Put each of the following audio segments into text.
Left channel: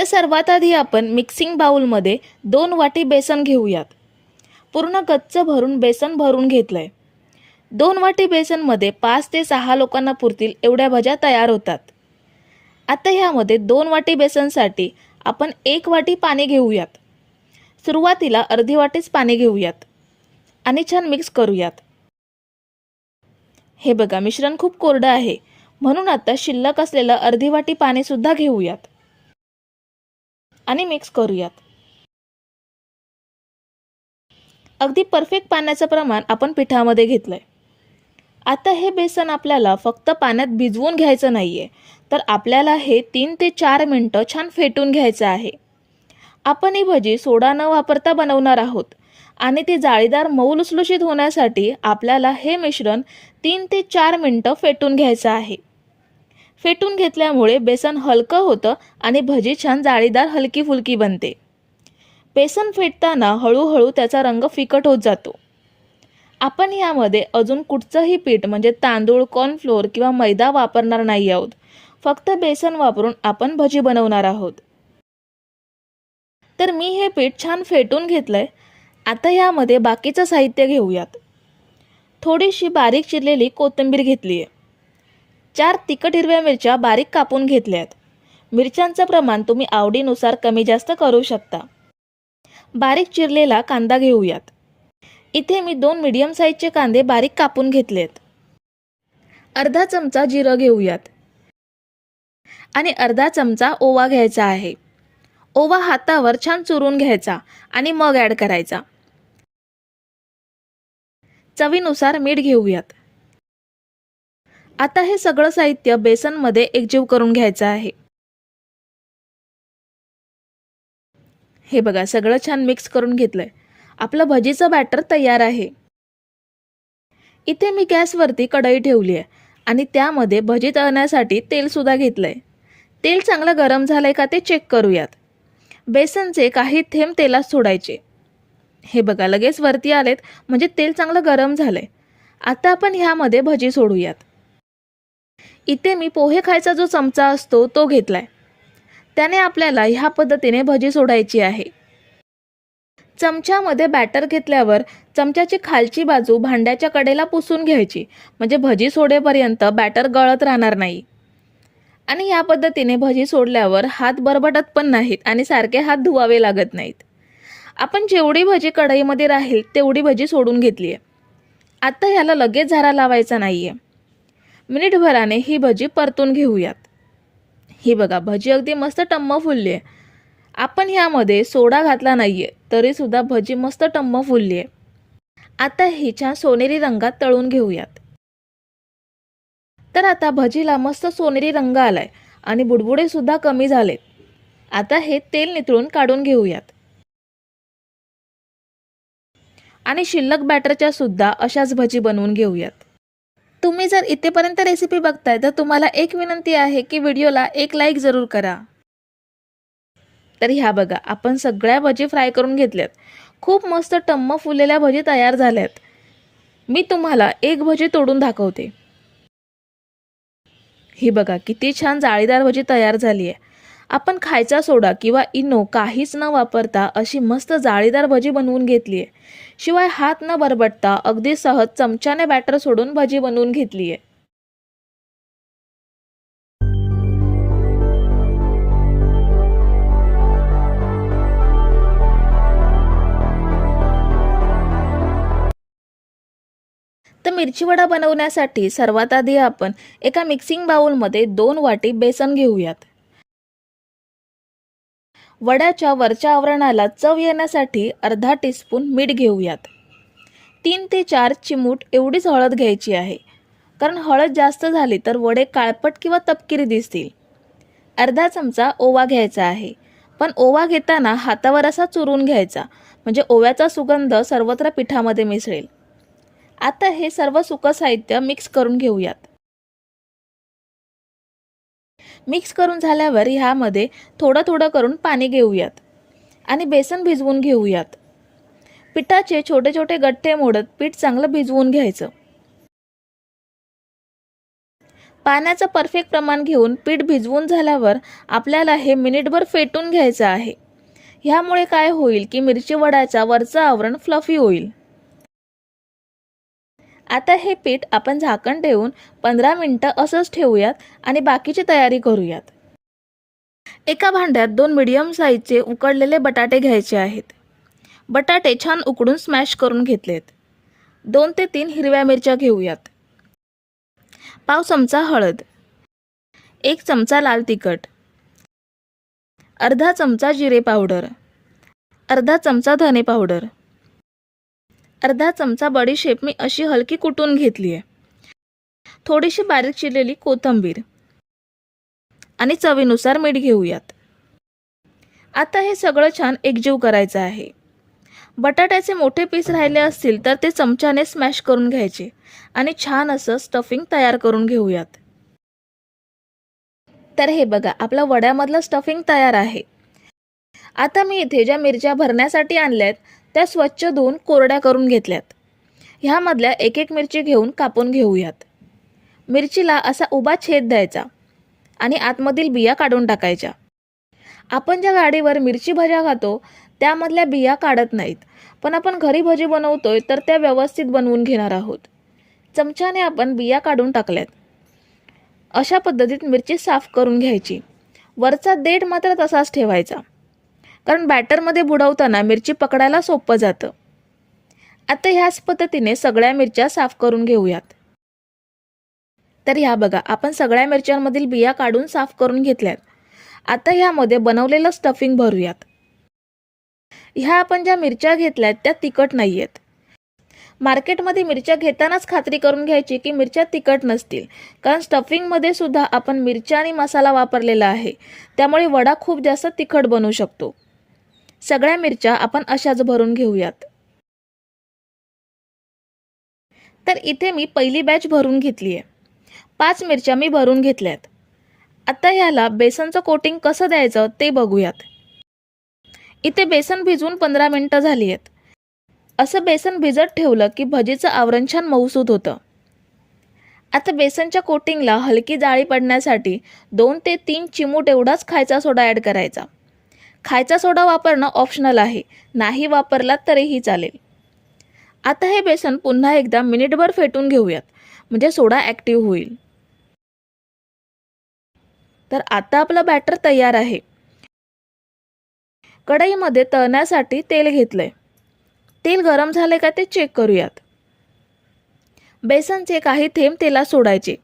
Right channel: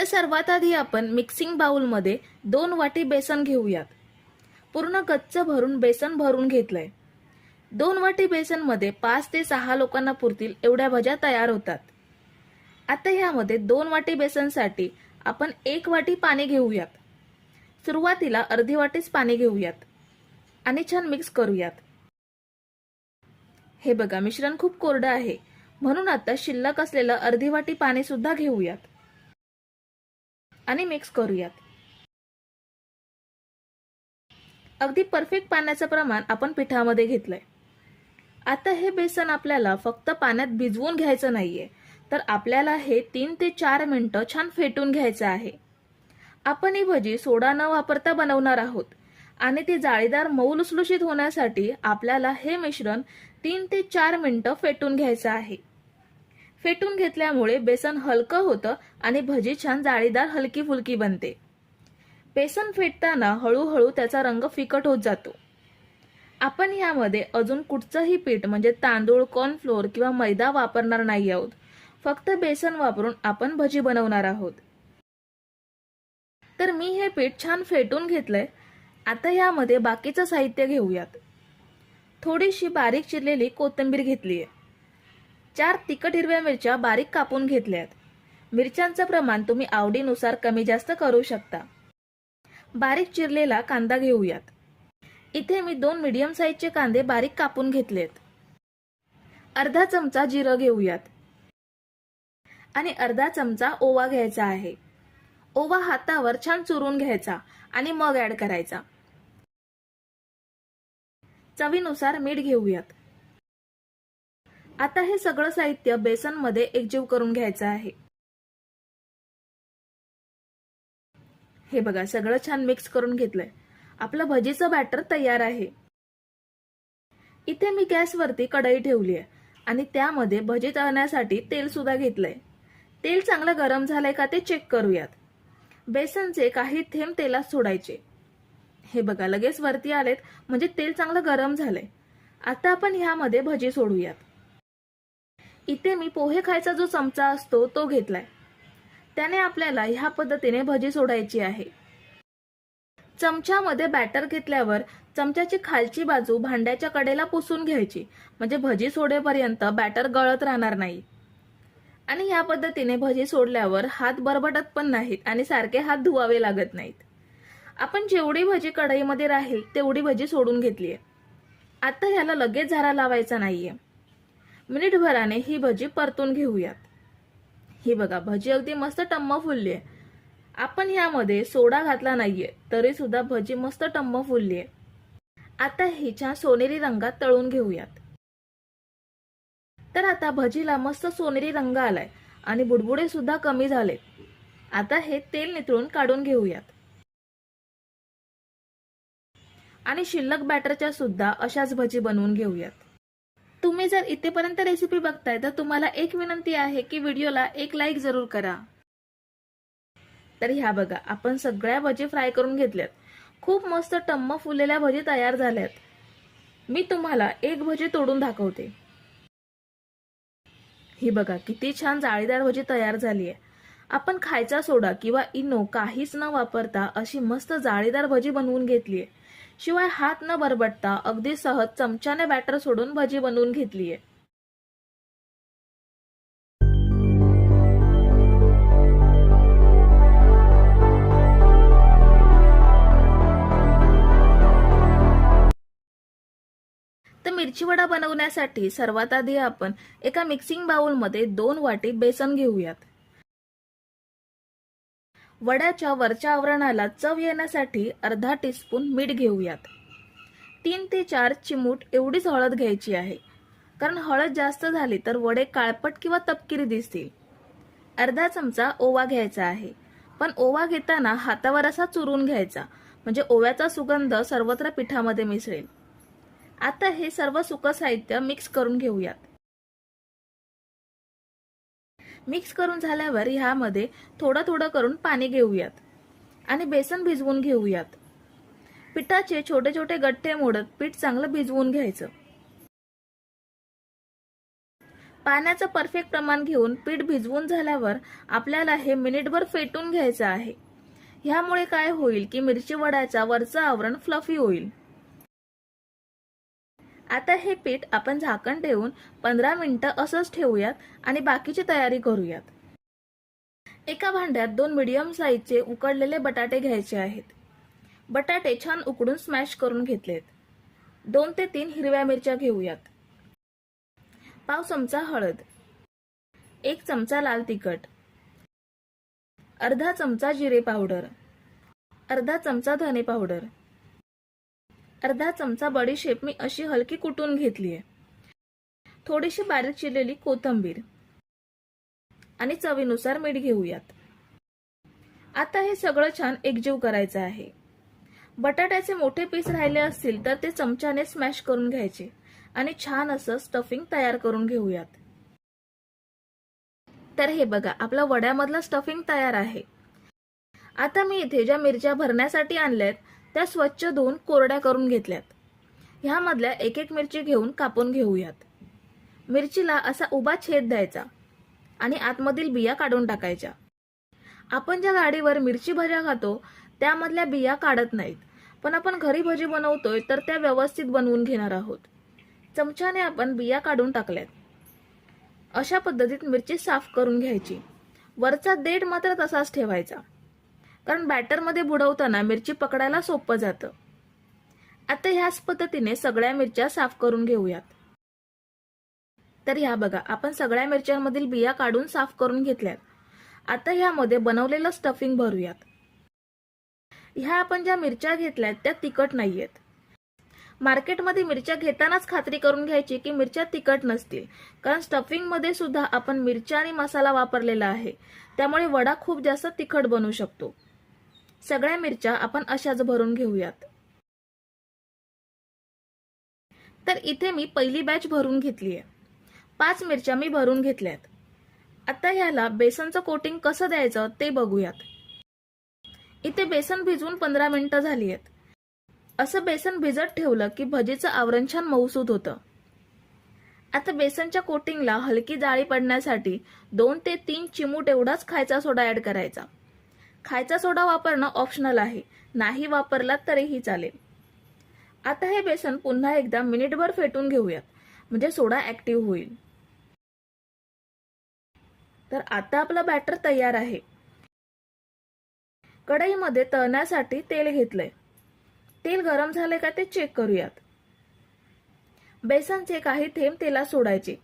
तर सर्वात आधी आपण मिक्सिंग बाउलमध्ये दोन वाटी बेसन घेऊयात. पूर्ण गच्च भरून बेसन भरून घेतलं आहे दोन वाटी बेसनमध्ये पाच ते सहा लोकांना पुरतील एवढ्या भज्या तयार होतात. आता ह्यामध्ये दोन वाटी बेसनसाठी आपण एक वाटी पाणी घेऊयात. सुरुवातीला अर्धी वाटीच पाणी घेऊयात आणि छान मिक्स करूयात. हे बघा मिश्रण खूप कोरडं आहे. म्हणून आता शिल्लक असलेलं अर्धी वाटी पाणीसुद्धा घेऊयात. आणि मिक्स करूयात. अगदी परफेक्ट पाण्याचं प्रमाण आपण पिठामध्ये घेतलंय. आता हे बेसन आपल्याला फक्त पाण्यात भिजवून घ्यायचं नाही आहे तर आपल्याला हे तीन ते चार मिनटं छान फेटून घ्यायचं आहे. आपण ही भजी सोडा न वापरता बनवणार आहोत आणि ती जाळीदार मऊ लुसलुशीत होण्यासाठी आपल्याला हे मिश्रण तीन ते चार मिनटं फेटून घ्यायचं आहे. फेटून घेतल्यामुळे बेसन हलकं होतं आणि भजी छान जाळीदार हलकी फुलकी बनते. बेसन फेटताना हळूहळू त्याचा रंग फिकट होत जातो. आपण यामध्ये अजून कुठचंही पीठ म्हणजे तांदूळ कॉर्नफ्लोअर किंवा मैदा वापरणार नाही आहोत. फक्त बेसन वापरून आपण भजी बनवणार आहोत. तर मी हे पीठ छान फेटून घेतलंय. आता यामध्ये बाकीचं साहित्य घेऊयात. थोडीशी बारीक चिरलेली कोथिंबीर घेतली आहे चार तिखट हिरव्या मिरच्या बारीक कापून घेतल्यात. मिरच्यांचं प्रमाण तुम्ही आवडीनुसार कमी जास्त करू शकता. बारीक चिरलेला कांदा घेऊयात. इथे मी दोन मीडियम साईजचे कांदे बारीक कापून घेतलेत. अर्धा चमचा जिरं घेऊयात. आणि अर्धा चमचा ओवा घ्यायचा आहे. ओवा हातावर छान चुरून घ्यायचा आणि मग ॲड करायचा. चवीनुसार मीठ घेऊयात. आता हे सगळं साहित्य बेसनमध्ये एकजीव करून घ्यायचं आहे. हे बघा सगळं छान मिक्स करून घेतलंय. आपलं भजीचं बॅटर तयार आहे. इथे मी गॅसवरती कढई ठेवली आहे आणि त्यामध्ये भजी तळण्यासाठी तेलसुद्धा घेतलंय. तेल चांगलं गरम झालंय का ते चेक करूयात. बेसनचे काही थेंब तेलात सोडायचे. हे बघा लगेच वरती आलेत म्हणजे तेल चांगलं गरम झालंय. आता आपण ह्यामध्ये भजी सोडूयात. इथे मी पोहे खायचा जो चमचा असतो तो घेतलाय. त्याने आपल्याला ह्या पद्धतीने भजी सोडायची आहे. चमच्यामध्ये बॅटर घेतल्यावर चमच्याची खालची बाजू भांड्याच्या कडेला पुसून घ्यायची. म्हणजे भजी सोडेपर्यंत बॅटर गळत राहणार नाही. आणि या पद्धतीने भजी सोडल्यावर हात बरबटत पण नाहीत आणि सारखे हात धुवावे लागत नाहीत. आपण जेवढी भजी कढईमध्ये राहील तेवढी भजी सोडून घेतली आहे आता ह्याला लगेच झारा लावायचा नाही आहे मिनिटभराने ही भजी परतून घेऊयात. ही बघा भजी अगदी मस्त टम्म फुलली आहे आपण ह्यामध्ये सोडा घातला नाही आहे तरीसुद्धा भजी मस्त टम्म फुलली आहे आता ही छान सोनेरी रंगात तळून घेऊयात. तर आता भजीला मस्त सोनेरी रंग आलाय आणि बुडबुडे सुद्धा कमी झालेत. आता हे तेल नितळून काढून घेऊयात. आणि शिल्लक बॅटरच्या सुद्धा अशाच भजी बनवून घेऊयात. तुम्ही जर इथेपर्यंत रेसिपी बघताय तर तुम्हाला एक विनंती आहे की व्हिडिओला एक लाईक जरूर करा. तर ह्या बघा आपण सगळ्या भजी फ्राय करून घेतल्यात. खूप मस्त टम्म फुललेल्या भजी तयार झाल्यात. मी तुम्हाला एक भजी तोडून दाखवते. ही बघा किती छान जाळीदार भजी तयार झाली आहे. आपण खायचा सोडा किंवा इनो काहीच न वापरता अशी मस्त जाळीदार भजी बनवून घेतली आहे. शिवाय हात न बरबटता अगदी सहज चमच्याने बॅटर सोडून भजी बनवून घेतली आहे तर मिरची वडा बनवण्यासाठी सर्वात आधी आपण एका मिक्सिंग बाउलमध्ये दोन वाटी बेसन घेऊयात. वड्याच्या वरच्या आवरणाला चव येण्यासाठी अर्धा टीस्पून मीठ घेऊयात. तीन ते चार चिमूट एवढीच हळद घ्यायची आहे. कारण हळद जास्त झाली तर वडे काळपट किंवा तपकिरी दिसतील. अर्धा चमचा ओवा घ्यायचा आहे. पण ओवा घेताना हातावर असा चुरून घ्यायचा म्हणजे ओव्याचा सुगंध सर्वत्र पिठामध्ये मिसळेल. आता हे सर्व सुकं साहित्य मिक्स करून घेऊयात. मिक्स करून झाल्यावर ह्यामध्ये थोडं थोडं करून पाणी घेऊयात. आणि बेसन भिजवून घेऊयात. पिठाचे छोटे छोटे गठ्ठे मोडत पीठ चांगलं भिजवून घ्यायचं. पाण्याचं परफेक्ट प्रमाण घेऊन पीठ भिजवून झाल्यावर आपल्याला हे मिनिटभर फेटून घ्यायचं आहे. ह्यामुळे काय होईल की मिरची वडाचा वरचं आवरण फ्लफी होईल. आता हे पीठ आपण झाकण ठेवून पंधरा मिनटं असंच ठेवूयात आणि बाकीची तयारी करूयात. एका भांड्यात दोन मिडियम साईजचे उकडलेले बटाटे घ्यायचे आहेत. बटाटे छान उकडून स्मॅश करून घेतलेत. दोन ते तीन हिरव्या मिरच्या घेऊयात. पाव चमचा हळद. एक चमचा लाल तिखट. अर्धा चमचा जिरे पावडर. अर्धा चमचा धने पावडर. अर्धा चमचा बडीशेप मी अशी हलकी कुटून घेतली आहे थोडीशी बारीक चिरलेली कोथिंबीर आणि चवीनुसार मीठ घेऊयात. आता हे सगळं छान एकजीव करायचं आहे. बटाट्याचे मोठे पीस राहिले असतील तर ते चमच्याने स्मॅश करून घ्यायचे आणि छान असं स्टफिंग तयार करून घेऊयात. तर हे बघा आपला वड्यामधलं स्टफिंग तयार आहे. आता मी इथे ज्या मिरच्या भरण्यासाठी आणल्या आहेत त्या स्वच्छ धुवून कोरड्या करून घेतल्यात. ह्यामधल्या एक एक मिरची घेऊन कापून घेऊयात. मिरचीला असा उभा छेद द्यायचा आणि आतमधील बिया काढून टाकायच्या. आपण ज्या गाडीवर मिरची भज्या खातो त्यामधल्या बिया काढत नाहीत. पण आपण घरी भजी बनवतोय तर त्या व्यवस्थित बनवून घेणार आहोत. चमच्याने आपण बिया काढून टाकल्यात. अशा पद्धतीत मिरची साफ करून घ्यायची. वरचा देठ मात्र तसाच ठेवायचा. कारण बॅटरमध्ये बुडवताना मिरची पकडायला सोपं जातं. आता ह्याच पद्धतीने सगळ्या मिरच्या साफ करून घेऊयात. तर ह्या बघा आपण सगळ्या मिरच्यांमधील बिया काढून साफ करून घेतल्यात. आता ह्यामध्ये बनवलेलं स्टफिंग भरूयात. ह्या आपण ज्या मिरच्या घेतल्यात त्या तिखट नाही आहेत मार्केटमध्ये मिरच्या घेतानाच खात्री करून घ्यायची की मिरच्या तिखट नसतील. कारण स्टफिंगमध्ये सुद्धा आपण मिरच्या आणि मसाला वापरलेला आहे. त्यामुळे वडा खूप जास्त तिखट बनू शकतो. सगळ्या मिरच्या आपण अशाच भरून घेऊयात. तर इथे मी पहिली बॅच भरून घेतली आहे पाच मिरच्या मी भरून घेतल्यात. आता ह्याला बेसनचं कोटिंग कसं द्यायचं ते बघूयात. इथे बेसन भिजवून पंधरा मिनटं झाली आहेत असं बेसन भिजत ठेवलं की भजीचं आवरण छान मऊसूत होतं. आता बेसनच्या कोटिंगला हलकी जाळी पडण्यासाठी दोन ते तीन चिमूट एवढाच खायचा सोडा ॲड करायचा. खायचा सोडा वापरणं ऑप्शनल आहे. नाही वापरला तरीही चालेल. आता हे बेसन पुन्हा एकदा मिनिटभर फेटून घेऊयात. म्हणजे सोडा ॲक्टिव्ह होईल. तर आता आपलं बॅटर तयार आहे. कढईमध्ये तळण्यासाठी तेल घेतलंय. तेल गरम झाले का ते चेक करूयात. बेसनचे काही थेंब तेलात सोडायचे.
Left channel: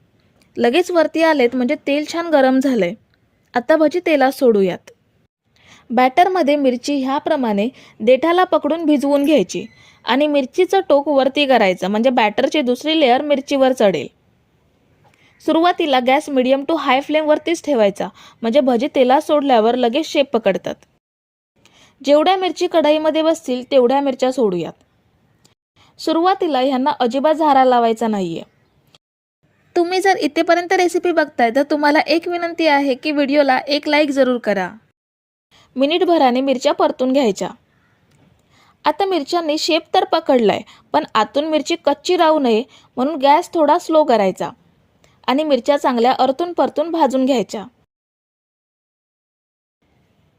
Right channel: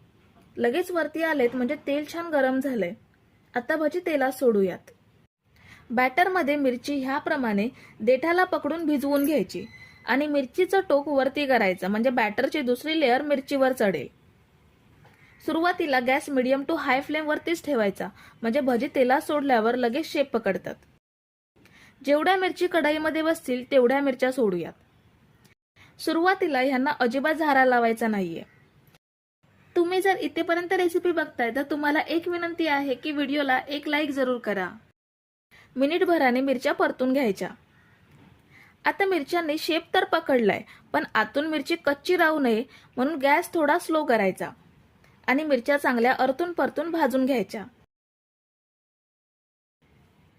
लगेच वरती आलेत म्हणजे तेल छान गरम झालंय. आता भजी तेलात सोडूयात. बॅटरमध्ये मिरची ह्याप्रमाणे देठाला पकडून भिजवून घ्यायची आणि मिरचीचं टोक वरती करायचं म्हणजे बॅटरची दुसरी लेअर मिरचीवर चढेल. सुरुवातीला गॅस मिडियम टू हाय फ्लेमवरतीच ठेवायचा म्हणजे भजी तेलात सोडल्यावर लगेच शेप पकडतात. जेवढ्या मिरची कढईमध्ये बसतील तेवढ्या मिरच्या सोडूयात. सुरुवातीला ह्यांना अजिबात झारा लावायचा नाहीये. तुम्ही जर इथेपर्यंत रेसिपी बघताय तर तुम्हाला एक विनंती आहे की व्हिडिओला एक लाईक जरूर करा. मिनिटभराने मिरच्या परतून घ्यायच्या. आता मिरच्यांनी शेप तर पकडलाय पण आतून मिरची कच्ची राहू नये म्हणून गॅस थोडा स्लो करायचा आणि मिरच्या चांगल्या अरतून परतून भाजून घ्यायच्या.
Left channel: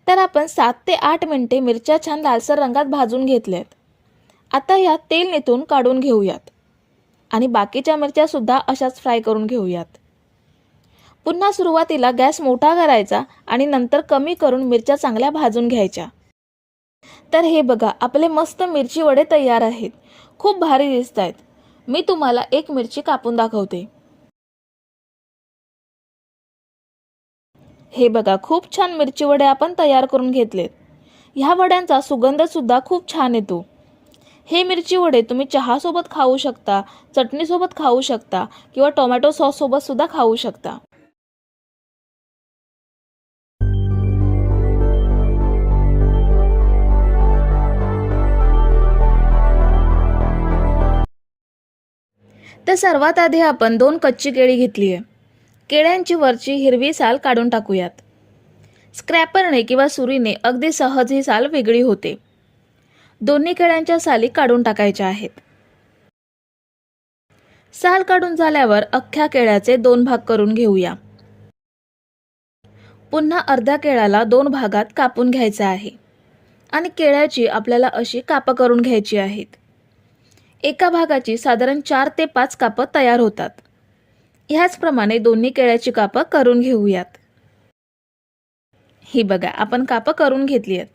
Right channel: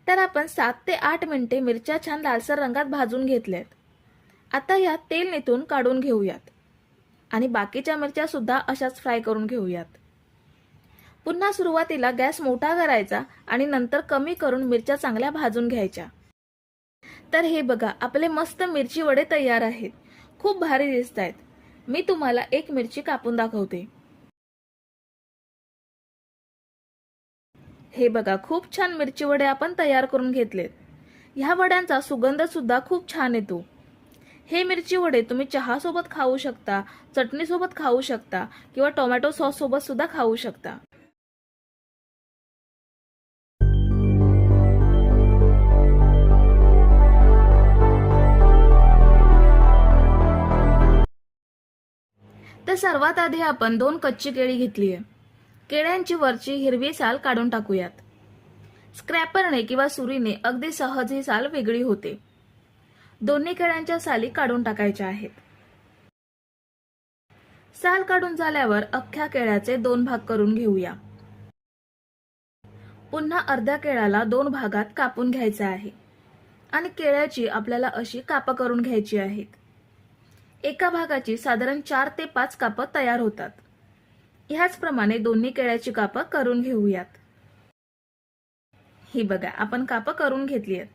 तर आपण सात ते आठ मिनिटे मिरच्या छान लालसर रंगात भाजून घेतल्यात. आता ह्या तेल निथून काढून घेऊयात आणि बाकीच्या मिरच्या सुद्धा अशाच फ्राय करून घेऊयात. पुन्हा सुरुवातीला गॅस मोठा करायचा आणि नंतर कमी करून मिरच्या चांगल्या भाजून घ्यायच्या. तर हे बघा आपले मस्त मिरची वडे तयार आहेत. खूप भारी दिसत आहेत मी तुम्हाला एक मिरची कापून दाखवते. हे बघा खूप छान मिरची वडे आपण तयार करून घेतलेत. ह्या वड्यांचा सुगंध सुद्धा खूप छान येतो. हे मिरची वडे तुम्ही चहासोबत खाऊ शकता चटणीसोबत खाऊ शकता किंवा टोमॅटो सॉससोबत सुद्धा खाऊ शकता. तर सर्वात आधी आपण दोन कच्ची केळी घेतली आहे. केळ्यांची वरची हिरवी साल काढून टाकूयात. स्क्रॅपरने किंवा सुरीने अगदी सहज ही साल वेगळी होते. दोन्ही केळ्यांच्या साली काढून टाकायच्या आहेत. साल काढून झाल्यावर अख्ख्या केळ्याचे दोन भाग करून घेऊया. पुन्हा अर्ध्या केळ्याला दोन भागात कापून घ्यायचं आहे. आणि केळ्याची आपल्याला अशी कापं करून घ्यायची आहेत. एका भागाची साधारण चार ते पाच कापं तयार होतात. ह्याचप्रमाणे दोन्ही केळ्याची कापं करून घेऊयात. ही बघा आपण कापं करून घेतली आहेत.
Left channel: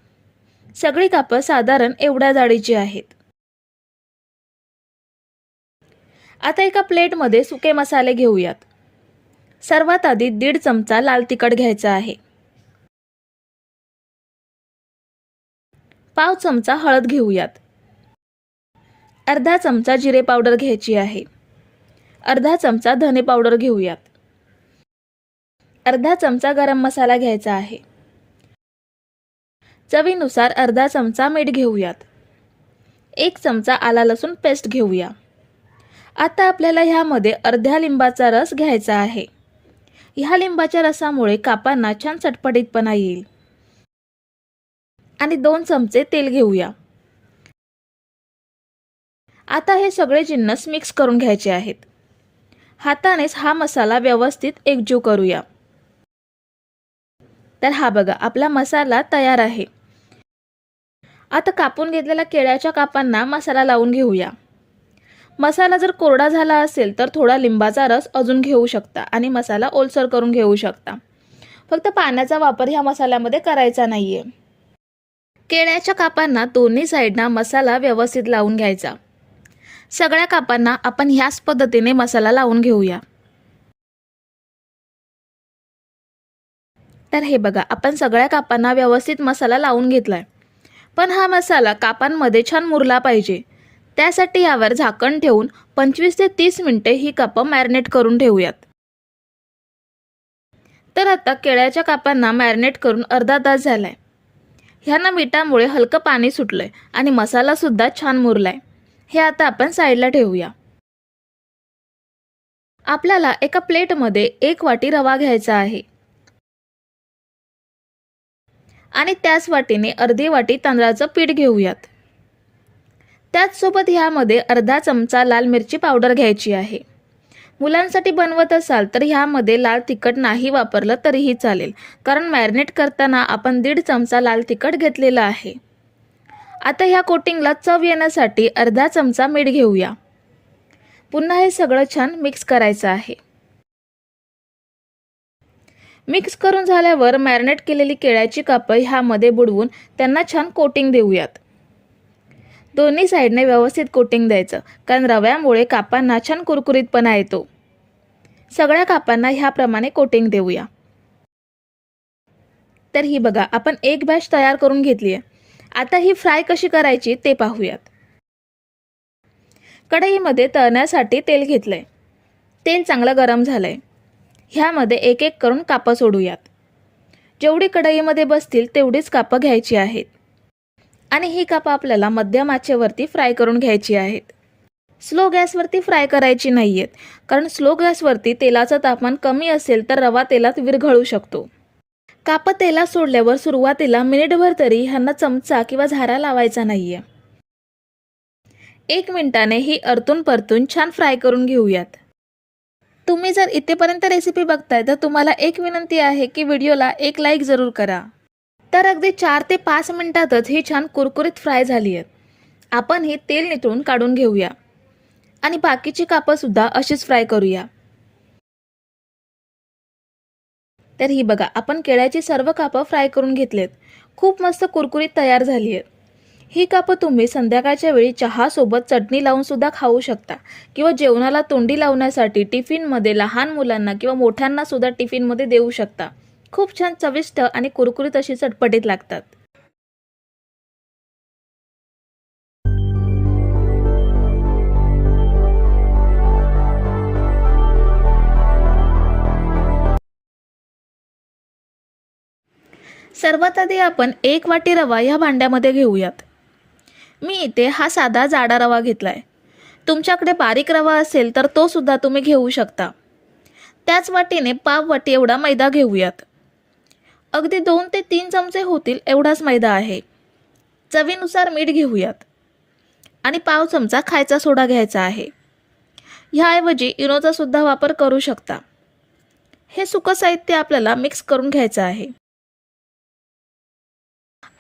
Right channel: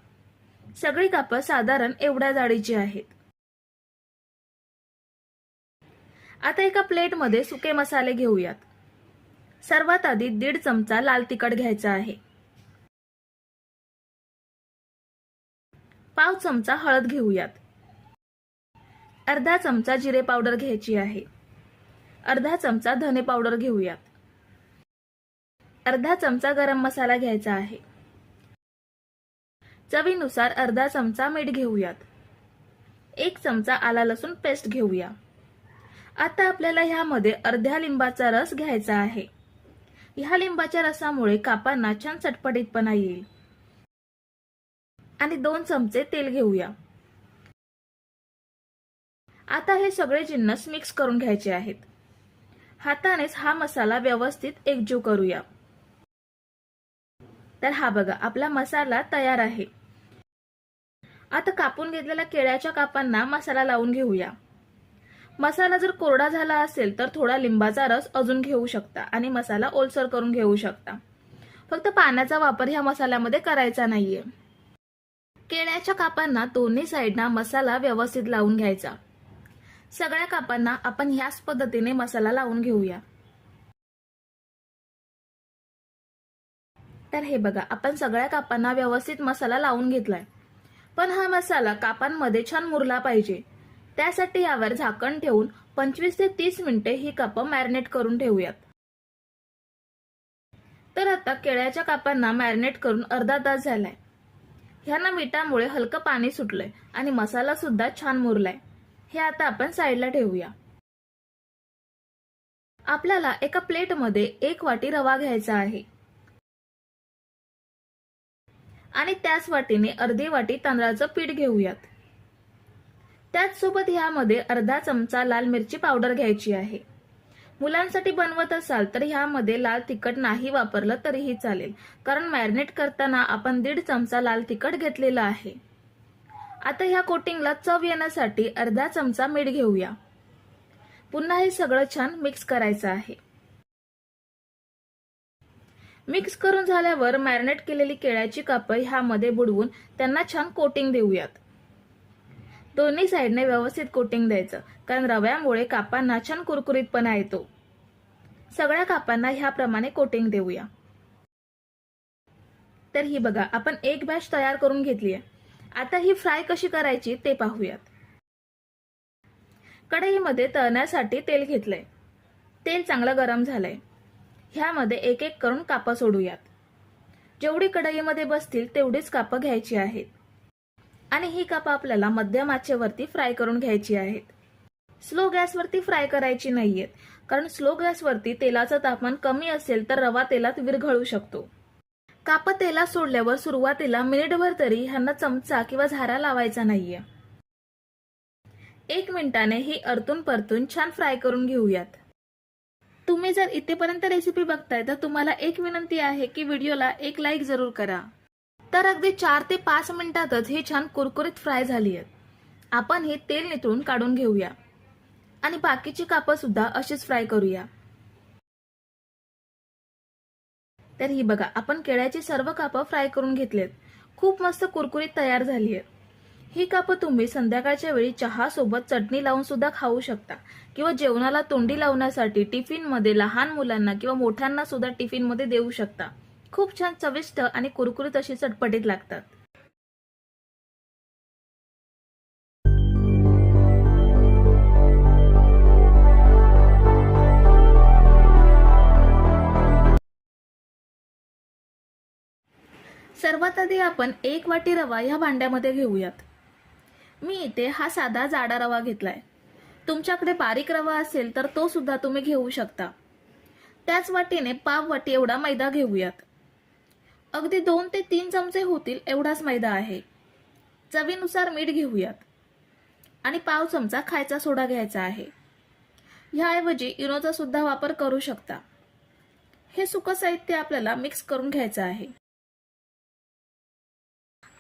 सगळी कापं साधारण एवढ्या जाडीची आहेत. आता एका प्लेटमध्ये सुके मसाले घेऊयात. सर्वात आधी दीड चमचा लाल तिखट घ्यायचा आहे. पाव चमचा हळद घेऊयात. अर्धा चमचा जिरे पावडर घ्यायची आहे. अर्धा चमचा धने पावडर घेऊयात. अर्धा चमचा गरम मसाला घ्यायचा आहे. चवीनुसार अर्धा चमचा मीठ घेऊयात. एक चमचा आला लसूण पेस्ट घेऊया. आता आपल्याला ह्यामध्ये अर्ध्या लिंबाचा रस घ्यायचा आहे. ह्या लिंबाच्या रसामुळे कापांना छान चटपटीतपणा येईल. आणि दोन चमचे तेल घेऊया. आता हे सगळे जिन्नस मिक्स करून घ्यायचे आहेत. हातानेच हा मसाला व्यवस्थित एकजीव करूया. तर हा बघा आपला मसाला तयार आहे. आता कापून घेतलेल्या केळ्याच्या कापांना मसाला लावून घेऊया. मसाला जर कोरडा झाला असेल तर थोडा लिंबाचा रस अजून घेऊ शकता आणि मसाला ओलसर करून घेऊ शकता. फक्त पाण्याचा वापर ह्या मसाल्यामध्ये करायचा नाहीये. केळ्याच्या कापांना दोन्ही साईडना मसाला व्यवस्थित लावून घ्यायचा. सगळ्या कापांना आपण ह्याच पद्धतीने मसाला लावून घेऊया. तर हे बघा आपण सगळ्या कापांना व्यवस्थित मसाला लावून घेतलाय. पण हा मसाला कापांमध्ये छान मुरला पाहिजे. त्यासाठी यावर झाकण ठेवून पंचवीस ते तीस मिनिटे ही कापं मॅरिनेट करून ठेवूयात. तर आता केळ्याच्या कापांना मॅरिनेट करून अर्धा तास झालाय. ह्यांना मिठामुळे हलकं पाणी सुटलंय आणि मसालासुद्धा छान मुरलाय. हे आता आपण साईडला ठेवूया. आपल्याला एका प्लेटमध्ये एक वाटी रवा घ्यायचा आहे. आणि त्याच वाटीने अर्धी वाटी तांदळाचं पीठ घेऊयात. त्याचसोबत ह्यामध्ये अर्धा चमचा लाल मिरची पावडर घ्यायची आहे. मुलांसाठी बनवत असाल तर ह्यामध्ये लाल तिखट नाही वापरलं तरीही चालेल. कारण मॅरिनेट करताना आपण दीड चमचा लाल तिखट घेतलेला आहे. आता ह्या कोटिंगला चव येण्यासाठी अर्धा चमचा मीठ घेऊया. पुन्हा हे सगळं छान मिक्स करायचं आहे. मिक्स करून झाल्यावर मॅरिनेट केलेली केळ्याची कापं ह्यामध्ये बुडवून त्यांना छान कोटिंग देऊयात. दोन्ही साईडने व्यवस्थित कोटिंग द्यायचं कारण रव्यामुळे कापांना छान कुरकुरीतपणा येतो. सगळ्या कापांना ह्याप्रमाणे कोटिंग देऊया. तर ही बघा आपण एक बॅच तयार करून घेतली आहे आता ही फ्राय कशी करायची ते पाहूयात. कढईमध्ये तळण्यासाठी तेल घेतलंय. तेल चांगलं गरम झालंय. ह्यामध्ये एक एक करून कापं सोडूयात. जेवढी कढईमध्ये बसतील तेवढीच कापं घ्यायची आहेत. आणि ही कापं आपल्याला मध्यम आचेवरती फ्राय करून घ्यायची आहेत. स्लो गॅसवरती फ्राय करायची नाही आहेत कारण स्लो गॅसवरती तेलाचं तापमान कमी असेल तर रवा तेलात विरघळू शकतो. कापं तेलात सोडल्यावर सुरुवातीला मिनिटभर तरी ह्यांना चमचा किंवा झारा लावायचा नाहीये. एक मिनिटाने ही अर्तून परतून छान फ्राय करून घेऊयात. तुम्ही जर इथेपर्यंत रेसिपी बघताय तर तुम्हाला एक विनंती आहे की व्हिडिओला एक लाईक जरूर करा. तर अगदी चार ते पाच मिनिटातच ही छान कुरकुरीत फ्राय झाली आहेत. आपण ही तेल नितळून काढून घेऊया. आणि बाकीची कापं सुद्धा अशीच फ्राय करूया. तर ही बघा आपण केळ्याची सर्व कापं फ्राय करून घेतलेत. खूप मस्त कुरकुरीत तयार झाली आहेत ही कापं तुम्ही संध्याकाळच्या वेळी चहासोबत चटणी लावूनसुद्धा खाऊ शकता किंवा जेवणाला तोंडी लावण्यासाठी टिफिनमध्ये लहान मुलांना किंवा मोठ्यांनासुद्धा टिफिनमध्ये देऊ शकता. खूप छान चविष्ट आणि कुरकुरीत अशी चटपटीत लागतात. सर्वात आधी आपण एक वाटी रवा ह्या भांड्यामध्ये घेऊयात. मी इथे हा साधा जाडा रवा घेतलाय. तुमच्याकडे बारीक रवा असेल तर तो सुद्धा तुम्ही घेऊ शकता. त्याच वाटीने पाव वाटी एवढा मैदा घेऊयात. अगदी दोन ते तीन चमचे होतील एवढाच मैदा आहे. चवीनुसार मीठ घेऊयात. आणि पाव चमचा खायचा सोडा घ्यायचा आहे. ह्याऐवजी इनोचा सुद्धा वापर करू शकता. हे सुकं साहित्य आपल्याला मिक्स करून घ्यायचं आहे.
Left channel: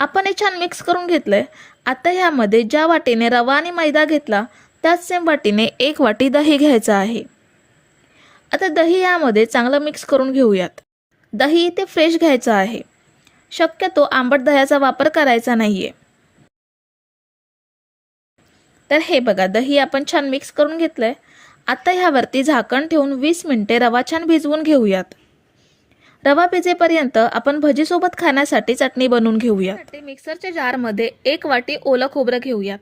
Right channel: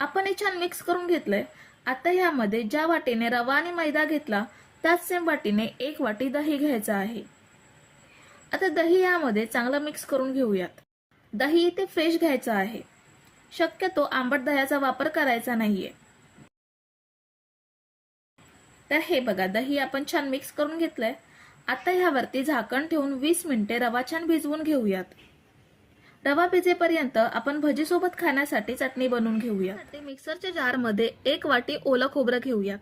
आपण हे छान मिक्स करून घेतलं आहे आता ह्यामध्ये ज्या वाटीने रवा आणि मैदा घेतला त्याच सेम वाटीने एक वाटी दही घ्यायचं आहे. आता दही यामध्ये चांगलं मिक्स करून घेऊयात. दही इथे फ्रेश घ्यायचं आहे. शक्यतो आंबट दह्याचा वापर करायचा नाहीये. तर हे बघा दही आपण छान मिक्स करून घेतलंय. आता ह्यावरती झाकण ठेवून वीस मिनिटे रवा छान भिजवून घेऊयात. रवा भिजेपर्यंत आपण भजीसोबत खाण्यासाठी चटणी बनवून घेऊयात मिक्सरच्या जारमध्ये एक वाटी ओलं खोबरं घेऊयात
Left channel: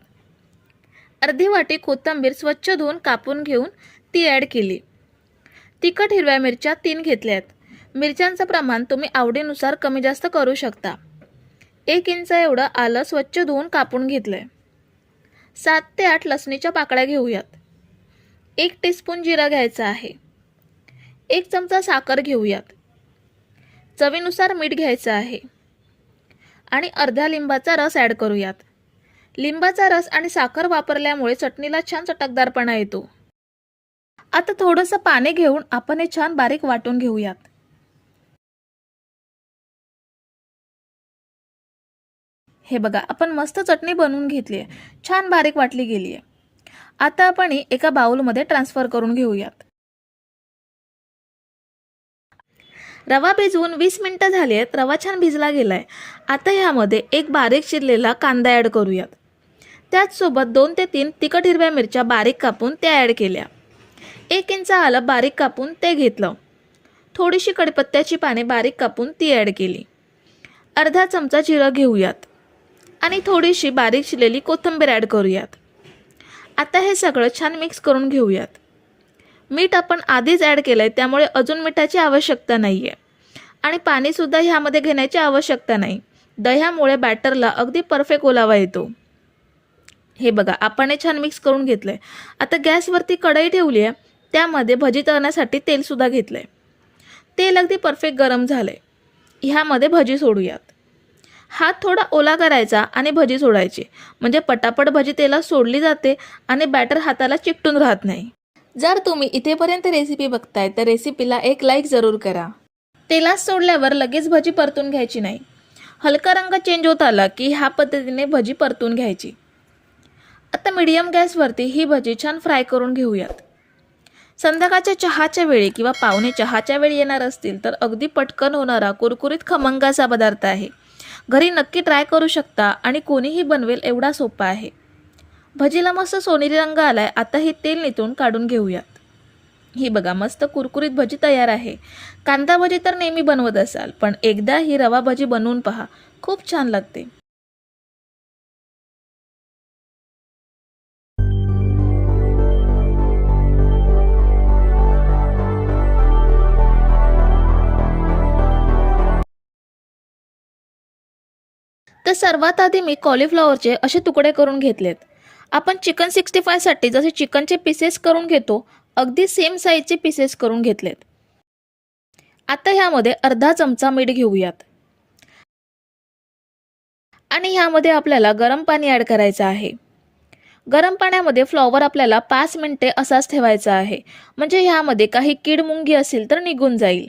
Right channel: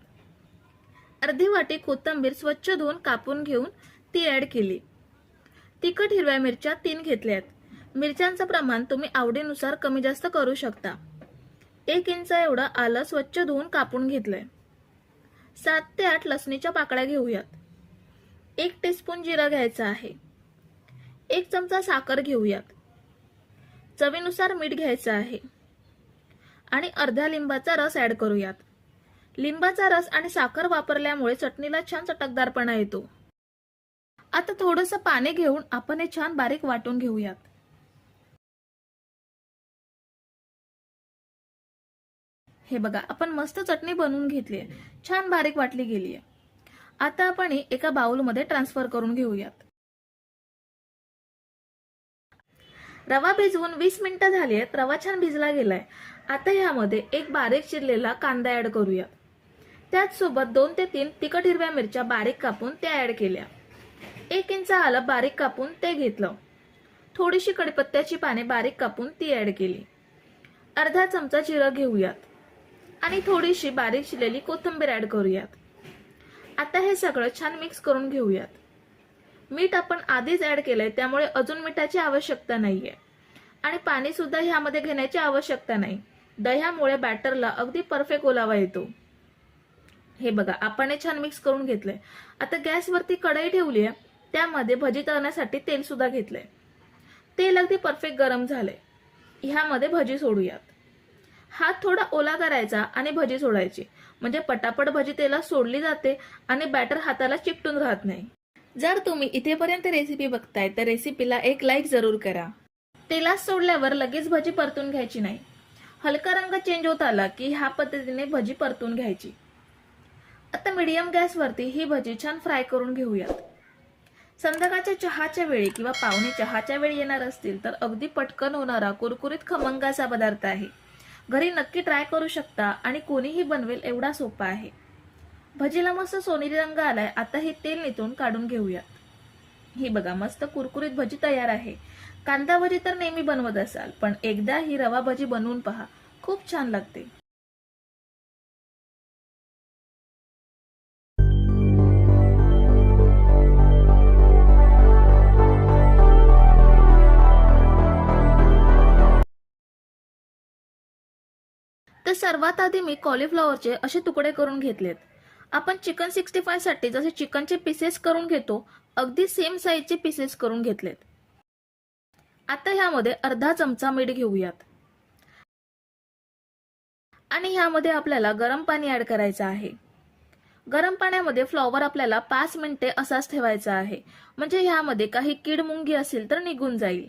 अर्धी वाटी कोथिंबीर स्वच्छ धुवून कापून घेऊन ती ॲड केली. तिखट हिरव्या मिरच्या तीन घेतल्या आहेत मिरच्यांचं प्रमाण तुम्ही आवडीनुसार कमी जास्त करू शकता. एक इंच एवढं आलं स्वच्छ धुवून कापून घेतलंय. सात ते आठ लसणीच्या पाकळ्या घेऊयात. एक टीस्पून जिरा घ्यायचा आहे. एक चमचा साखर घेऊयात. चवीनुसार मीठ घ्यायचं आहे. आणि अर्ध्या लिंबाचा रस ॲड करूयात. लिंबाचा रस आणि साखर वापरल्यामुळे चटणीला छान चटकदारपणा येतो. आता थोडंसं पाणी घेऊन आपण हे छान बारीक वाटून घेऊयात. हे बघा आपण मस्त चटणी बनवून घेतली आहे. छान बारीक वाटली गेली आहे. आता आपण ही एका बाउलमध्ये ट्रान्सफर करून घेऊयात. रवा भिजवून वीस मिनटं झाली आहेत रवा छान भिजला गेलाय. आता ह्यामध्ये एक बारीक चिरलेला कांदा ॲड करूयात. त्याचसोबत दोन ते तीन तिखट हिरव्या मिरच्या बारीक कापून त्या ॲड केल्या. एक इंच आलं बारीक कापून ते घेतलं. थोडीशी कडपत्त्याची पाने बारीक कापून ती ॲड केली. अर्धा चमचा जिरं घेऊयात. आणि थोडीशी बारीक शिलेली कोथिंबीर ॲड करूयात. आता हे सगळं छान मिक्स करून घेऊयात. मीठ आपण आधीच ॲड केलं आहे त्यामुळे अजून मिठाची आवश्यकता नाही आहे आणि पाणीसुद्धा ह्यामध्ये घेण्याची आवश्यकता नाही. दह्यामुळे बॅटरला अगदी परफेक्ट ओलावा येतो. हे बघा आपण हे छान मिक्स करून घेतलं आहे आता गॅसवरती कढई ठेवली आहे त्यामध्ये भजी तळण्यासाठी तेलसुद्धा घेतलं आहे तेल अगदी परफेक्ट गरम झालं आहे ह्यामध्ये भजी सोडूयात. हात थोडा ओला करायचा आणि भजी सोडायची. म्हणजे पटापट भजी तेलात सोडली जाते आणि बॅटर हाताला चिकटून राहत नाही. जर तुम्ही इथेपर्यंत रेसिपी बघताय तर रेसिपीला एक लाईक जरूर करा. तेलात सोडल्यावर लगेच भजी परतून घ्यायची नाही. हलका रंग चेंज होत आला की ह्या पद्धतीने भजी परतून घ्यायची. आता मीडियम गॅसवरती ही भजी छान फ्राय करून घेऊयात. संध्याकाळच्या चहाच्या वेळी किंवा पाहुणे चहाच्या वेळी येणार असतील तर अगदी पटकन होणारा कुरकुरीत खमंगाचा पदार्थ आहे. घरी नक्की ट्राय करू शकता आणि कोणीही बनवेल एवढा सोपा आहे. भजीला मस्त सोनेरी रंग आलाय. आता हे तेल नितून काढून घेऊयात. ही बघा मस्त कुरकुरीत भजी तयार आहे. कांदा भजी तर नेहमी बनवत असाल पण एकदा ही रवा भजी बनवून पहा. खूप छान लागते. तर सर्वात आधी मी कॉलीफ्लॉवरचे असे तुकडे करून घेतलेत. आपण चिकन सिक्स्टी फायसाठी जसे चिकनचे पीसेस करून घेतो अगदी सेम साईजचे पीसेस करून घेतलेत. आता ह्यामध्ये अर्धा चमचा मीठ घेऊयात. आणि ह्यामध्ये आपल्याला गरम पाणी ॲड करायचं आहे. गरम पाण्यामध्ये फ्लॉवर आपल्याला पाच मिनटे असाच ठेवायचा आहे. म्हणजे ह्यामध्ये काही कीड मुंगी असेल तर निघून जाईल.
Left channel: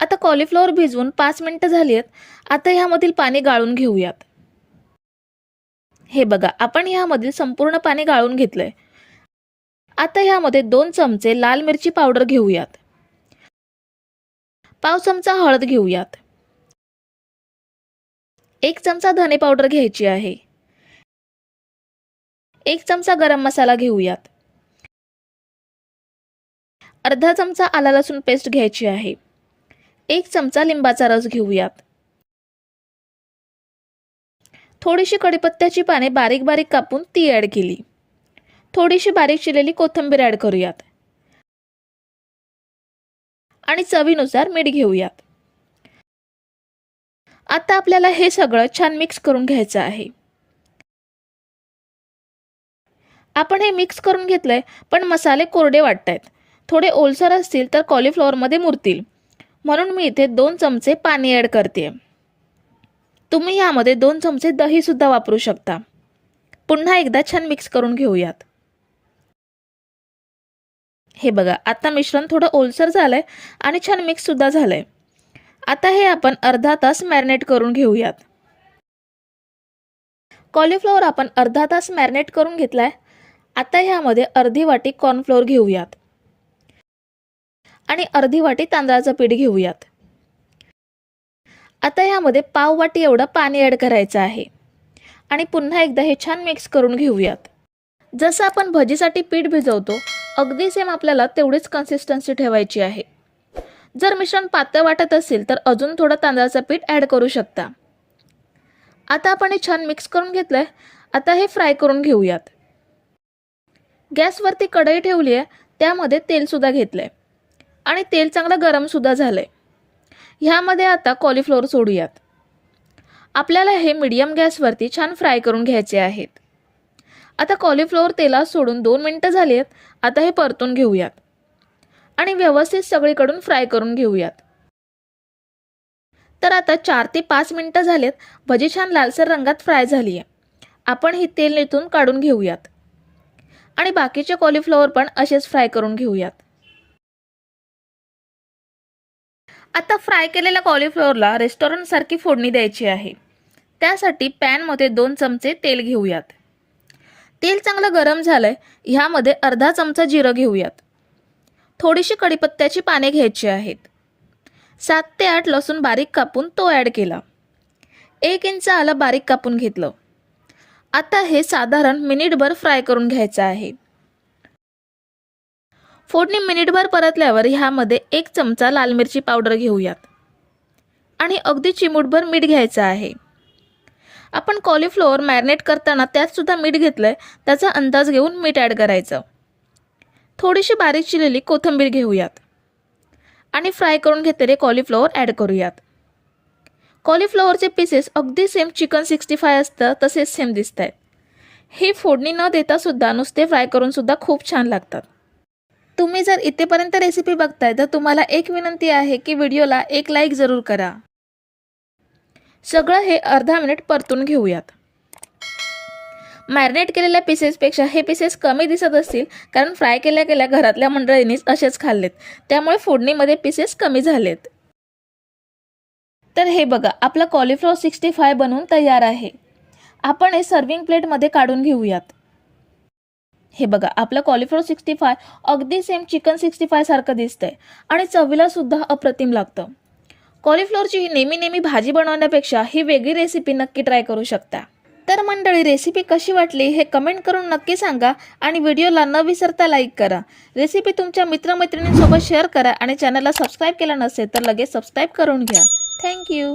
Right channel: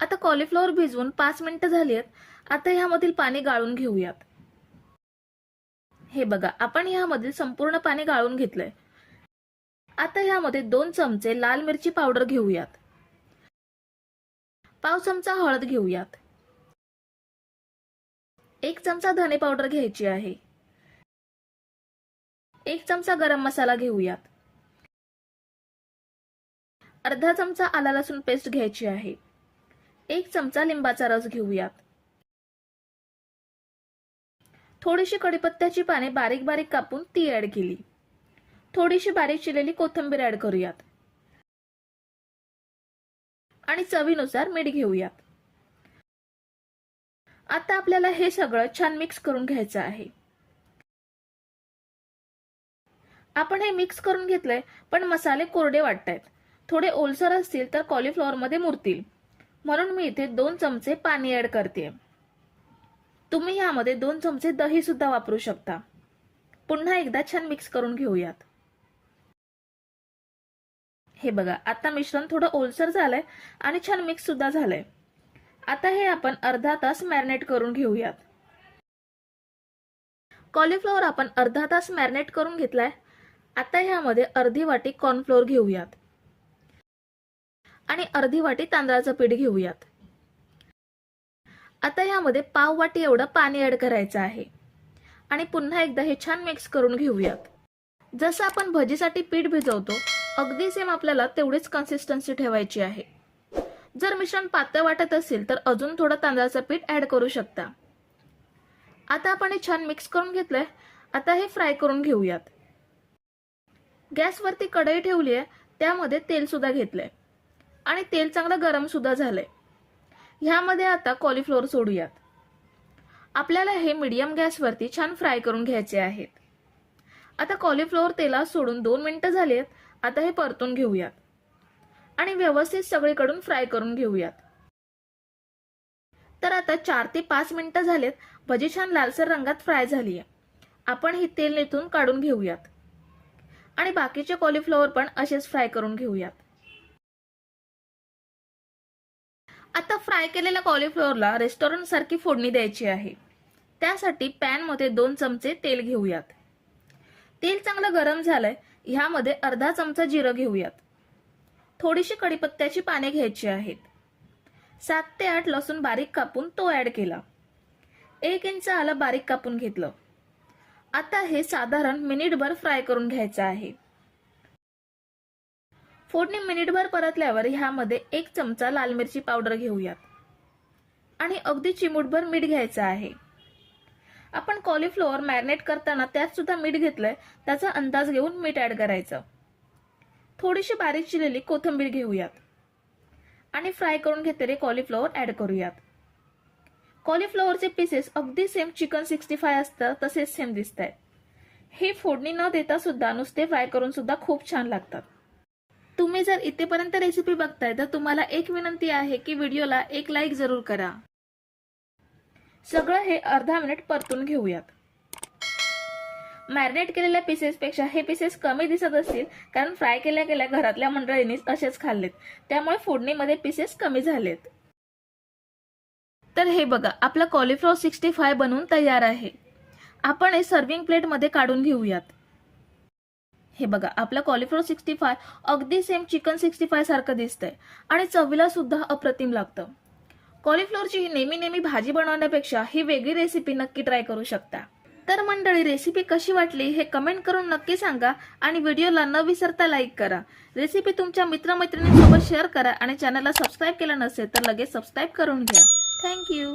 आता कॉलीफ्लॉवर भिजवून पाच मिनटं झाली आहेत. आता ह्यामधील पाणी गाळून घेऊयात. हे बघा आपण ह्यामधील संपूर्ण पाणी गाळून घेतलंय. आता ह्यामध्ये दोन चमचे लाल मिरची पावडर घेऊयात. पाव चमचा हळद घेऊयात. एक चमचा धने पावडर घ्यायची आहे. एक चमचा गरम मसाला घेऊयात. अर्धा चमचा आला लसूण पेस्ट घ्यायची आहे. एक चमचा लिंबाचा रस घेऊयात. थोडीशी कडीपत्त्याची पाने बारीक बारीक कापून ती ॲड केली. थोडीशी बारीक चिरलेली कोथिंबीर ॲड करूयात. आणि चवीनुसार मीठ घेऊयात. आता आपल्याला हे सगळं छान मिक्स करून घ्यायचं आहे. आपण हे मिक्स करून घेतलंय पण मसाले कोरडे वाटत आहेत थोडे ओलसर असतील तर कॉलीफ्लॉवरमध्ये मुरतील. म्हणून मी इथे दोन चमचे पाणी ॲड करते तुम्ही यामध्ये दोन चमचे दहीसुद्धा वापरू शकता. पुन्हा एकदा छान मिक्स करून घेऊयात. हे बघा आता मिश्रण थोडं ओलसर झालं आहे आणि छान मिक्ससुद्धा झालं आहे आता हे आपण अर्धा तास मॅरिनेट करून घेऊयात. कॉलीफ्लॉवर आपण अर्धा तास मॅरिनेट करून घेतला आहे आता ह्यामध्ये अर्धी वाटी कॉर्नफ्लोअर घेऊयात. आणि अर्धी वाटी तांदळाचं पीठ घेऊयात. आता ह्यामध्ये पाववाटी एवढं पाणी ॲड करायचं आहे. आणि पुन्हा एकदा हे छान मिक्स करून घेऊयात. जसं आपण भजीसाठी पीठ भिजवतो अगदी सेम आपल्याला तेवढीच कन्सिस्टन्सी ठेवायची आहे. जर मिश्रण पातळ वाटत असेल तर अजून थोडं तांदळाचं पीठ ॲड करू शकता. आता आपण हे छान मिक्स करून घेतलंय. आता हे फ्राय करून घेऊयात. गॅसवरती कढई ठेवली आहे त्यामध्ये तेलसुद्धा घेतलंय. आणि तेल चांगलं गरमसुद्धा झालंय. ह्यामध्ये आता कॉलीफ्लोअर सोडूयात. आपल्याला हे मिडियम गॅसवरती छान फ्राय करून घ्यायचे आहेत. आता कॉलीफ्लोअर तेलात सोडून दोन मिनटं झाली आहेत आता हे परतून घेऊयात. आणि व्यवस्थित सगळीकडून फ्राय करून घेऊयात. तर आता चार ते पाच मिनटं झालेत. भजी छान लालसर रंगात फ्राय झाली आहे आपण ही तेल नेतून काढून घेऊयात. आणि बाकीचे कॉलीफ्लॉवर पण असेच फ्राय करून घेऊयात. आता फ्राय केलेल्या कॉलीफ्लॉवरला रेस्टॉरंटसारखी फोडणी द्यायची आहे. त्यासाठी पॅनमध्ये दोन चमचे तेल घेऊयात. तेल चांगलं गरम झालंय ह्यामध्ये अर्धा चमचा जिरं घेऊयात. थोडीशी कढीपत्त्याची पाने घ्यायची आहेत. सात ते आठ लसूण बारीक कापून तो ॲड केला. एक इंच आलं बारीक कापून घेतलं. आता हे साधारण मिनिटभर फ्राय करून घ्यायचं आहे. फोडणी मिनिटभर परतल्यावर ह्यामध्ये एक चमचा लाल मिरची पावडर घेऊयात. आणि अगदी चिमूटभर मीठ घ्यायचं आहे. आपण कॉलीफ्लॉवर मॅरिनेट करताना त्यातसुद्धा मीठ घेतलं आहे त्याचा अंदाज घेऊन मीठ ॲड करायचं. थोडीशी बारीक चिरलेली कोथिंबीर घेऊयात. आणि फ्राय करून घेतलेले कॉलीफ्लॉवर ॲड करूयात. कॉलीफ्लॉवरचे पीसेस अगदी सेम चिकन सिक्स्टी फाय असतं तसेच सेम दिसत आहेत हे फोडणी न देतासुद्धा नुसते फ्राय करूनसुद्धा खूप छान लागतात. तुम्ही जर इथेपर्यंत रेसिपी बघताय तर तुम्हाला एक विनंती आहे की व्हिडिओला एक लाईक जरूर करा. सगळं हे अर्धा मिनिट परतून घेऊयात. मॅरिनेट केलेल्या पीसेसपेक्षा हे पीसेस कमी दिसत असतील कारण फ्राय केल्या गेल्या घरातल्या मंडळींनीच असेच खाल्लेत. त्यामुळे फोडणीमध्ये पीसेस कमी झालेत. तर हे बघा आपला कॉलीफ्लॉवर सिक्स्टी फाय बनवून तयार आहे. आपण हे सर्विंग प्लेटमध्ये काढून घेऊयात. हे बघा आपलं कॉलीफ्लॉवर सिक्स्टी फाय अगदी सेम चिकन सिक्स्टी फायसारखं दिसतं दिसतंय. आणि चवीला सुद्धा अप्रतिम लागतं. कॉलिफ्लोअरची नेहमी नेहमी भाजी बनवण्यापेक्षा ही वेगळी रेसिपी नक्की ट्राय करू शकता. तर मंडळी रेसिपी कशी वाटली हे कमेंट करून नक्की सांगा आणि व्हिडिओला न विसरता लाईक करा. रेसिपी तुमच्या मित्रमैत्रिणींसोबत शेअर करा आणि चॅनलला सबस्क्राईब केला नसेल तर लगेच सबस्क्राईब करून घ्या. थँक्यू